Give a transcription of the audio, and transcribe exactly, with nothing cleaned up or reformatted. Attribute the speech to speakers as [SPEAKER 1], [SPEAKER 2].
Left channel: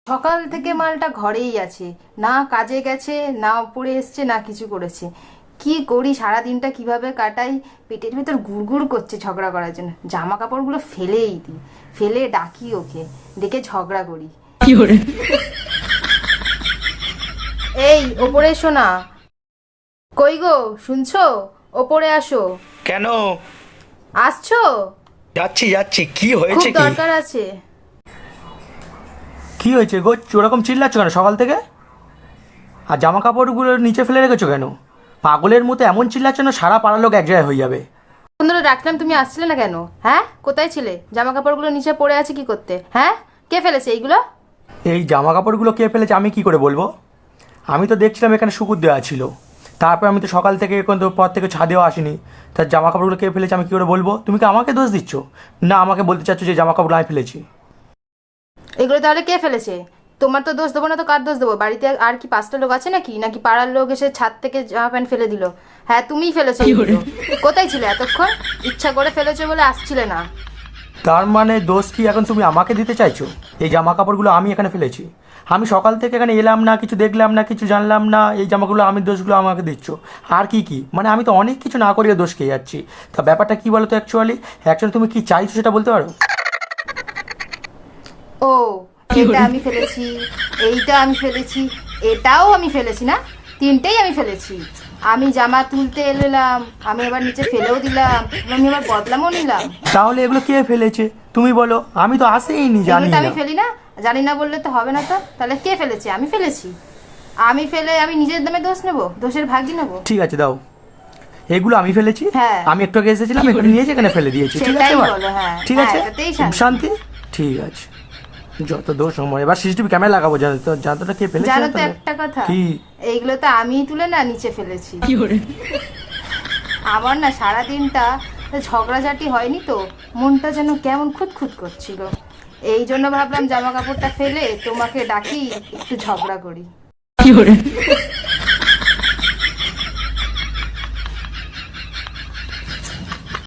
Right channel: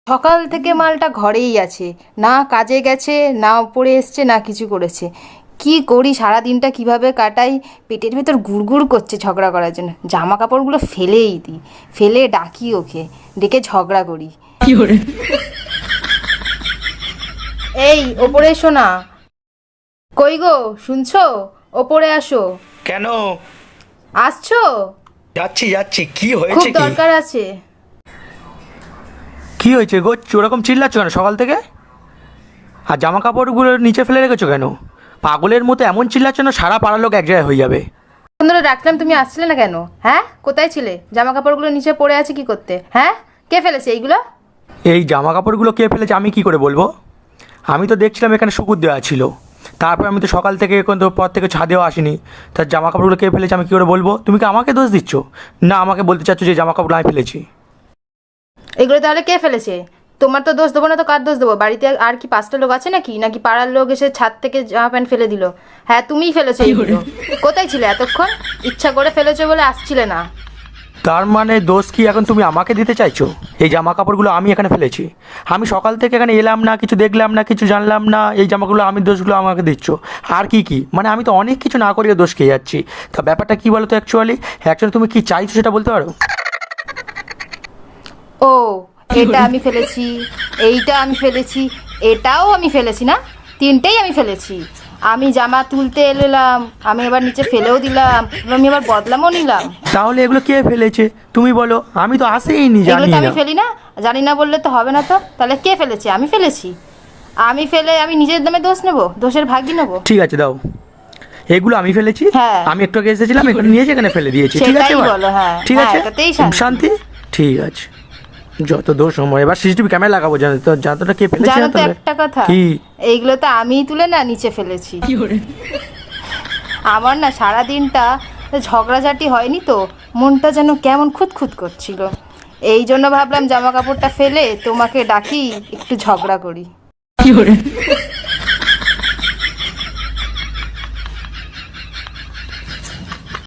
[SPEAKER 1] সকাল থেকে মালটা ঘরেই আছে, না কাজে গেছে, না ওপরে এসছে, না কিছু করেছে। কি করি সারা দিনটা কিভাবে কাটাই, পেটের ভেতর গুড়গুড় করছে ঝগড়া করার জন্য। জামা কাপড়গুলো ফেলেই দিই, ফেলে ডাকি ওকে, ডেকে ঝগড়া করি। এই ওপরে এসো না। কই গো, শুনছো? ওপরে আসো।
[SPEAKER 2] কেন?
[SPEAKER 1] আসছো?
[SPEAKER 2] যাচ্ছি যাচ্ছি, কি
[SPEAKER 1] খুব
[SPEAKER 2] হয়েছে কি?
[SPEAKER 1] দরকার আছে।
[SPEAKER 2] কি হয়েছে গো, ওরকম চিল্লাচ্ছ কেন সকাল থেকে? আর জামা কাপড়গুলো নিচে ফেলে রেখেছো কেন? পাগলের মতো এমন চিল্লাচ্ছ না সারা পাড়ার লোক এক জায়গায় হয়ে যাবে।
[SPEAKER 1] ফোন ধরে ডাকলাম, তুমি আসছিলে না কেন? হ্যাঁ, কোথায় ছিলে? জামা কাপড়গুলো নিচে পড়ে আছে কি করতে? হ্যাঁ, কে ফেলেছে এইগুলো?
[SPEAKER 2] এই জামা কাপড়গুলো কে ফেলেছে আমি কি করে বলবো? আমি তো দেখছিলাম এখানে শুকুর দেওয়া ছিল। তারপর আমি তো সকাল থেকে এখন তো পর থেকে ছাদেও আসিনি। তার জামা কাপড়গুলো কে ফেলেছে আমি কী করে বলবো? তুমি কি আমাকে দোষ দিচ্ছ, না আমাকে বলতে চাচ্ছ যে জামা কাপড় আমি ফেলেছি?
[SPEAKER 1] এগুলো তাহলে কে ফেলেছে? তোমার তো দোষ দেবো না তো কার দোষ দেবো? বাড়িতে আর কি পাঁচটা লোক আছে নাকি? নাকি পাড়ার লোক এসে ছাদ থেকে জামা প্যান্ট ফেলে দিল? হ্যাঁ, তুমিই ফেলেছো এগুলো। কোথায় ছিলে এতক্ষণ? ইচ্ছা করে ফেলেছো বলে আসছিলে না।
[SPEAKER 2] তার মানে দোষ কি এখন তুমি আমাকে দিতে চাইছো? এই জামা কাপড়গুলো আমি এখানে ফেলেছি। আমি সকাল থেকে এখানে এলাম না, কিছু দেখলাম না, কিছু জানলাম না, এই জামাগুলো আমি দোষগুলো আমাকে দিচ্ছ? আর কি কি মানে আমি তো অনেক কিছু না করিয়ে দোষ খেয়ে যাচ্ছি। তা ব্যাপারটা কি বলো তো অ্যাকচুয়ালি? অ্যাকচুয়ালি তুমি কি চাইছো সেটা বলতে পারো?
[SPEAKER 1] ও, এটা আমি ফেলেছি, এইটা আমি ফেলেছি, এটাও আমি ফেলেছি না? তিনটেই আমি ফেলেছি। আমি জামা তুলতে এলাম, আমি আবার নিচে ফেলেও দিলাম, আমি আবার বদলামও নিলাম।
[SPEAKER 2] তাহলে এগুলো কে ফেলেছে তুমি বলো, আমি তো আসেইনি,
[SPEAKER 1] এগুলো
[SPEAKER 2] জানি
[SPEAKER 1] তো আমি
[SPEAKER 2] না।
[SPEAKER 1] ফেলি না। জানি না বললে তো হবে না। তো তাহলে কে ফেলেছে? আমি ফেলেছি। আমি ফেলে আমি নিজের নামে দোষ নেবো, দোষের ভাগই নেবো?
[SPEAKER 2] ঠিক আছে দাও, এগুলো আমি ফেলেছি।
[SPEAKER 1] হ্যাঁ,
[SPEAKER 2] আমি একটু আগে এসেছিলাম, এখানে নিয়ে এসে এখানে ফেলে দিয়েছি, ঠিক আছে
[SPEAKER 1] সেটাই
[SPEAKER 2] এবার?
[SPEAKER 1] বলো। হ্যাঁ
[SPEAKER 2] ঠিক
[SPEAKER 1] হ্যাঁ,
[SPEAKER 2] আছে,
[SPEAKER 1] এটাতেই শান্তি।
[SPEAKER 2] শান্তি। ঠিক আছে, যত দোষ সময় এবার সিসিটিভি ক্যামেরা লাগাবো, জানো তো যতটা কে ফেলেছে
[SPEAKER 1] জানো তো
[SPEAKER 2] তাহলে।
[SPEAKER 1] একটা কথা,
[SPEAKER 2] কি?
[SPEAKER 1] এইগুলো তো আমিই তুলে না নিচে ফেলেছি। আমার না সারা দিনটা ঝগড়াঝাটি হয়নি তো, মনটা যেন কেমন খুঁতখুত করছিল। এই জন্য ভাবলাম জামা কাপড়টা ফেলে তোমাকে ডাকি, একটু ঝগড়া করি।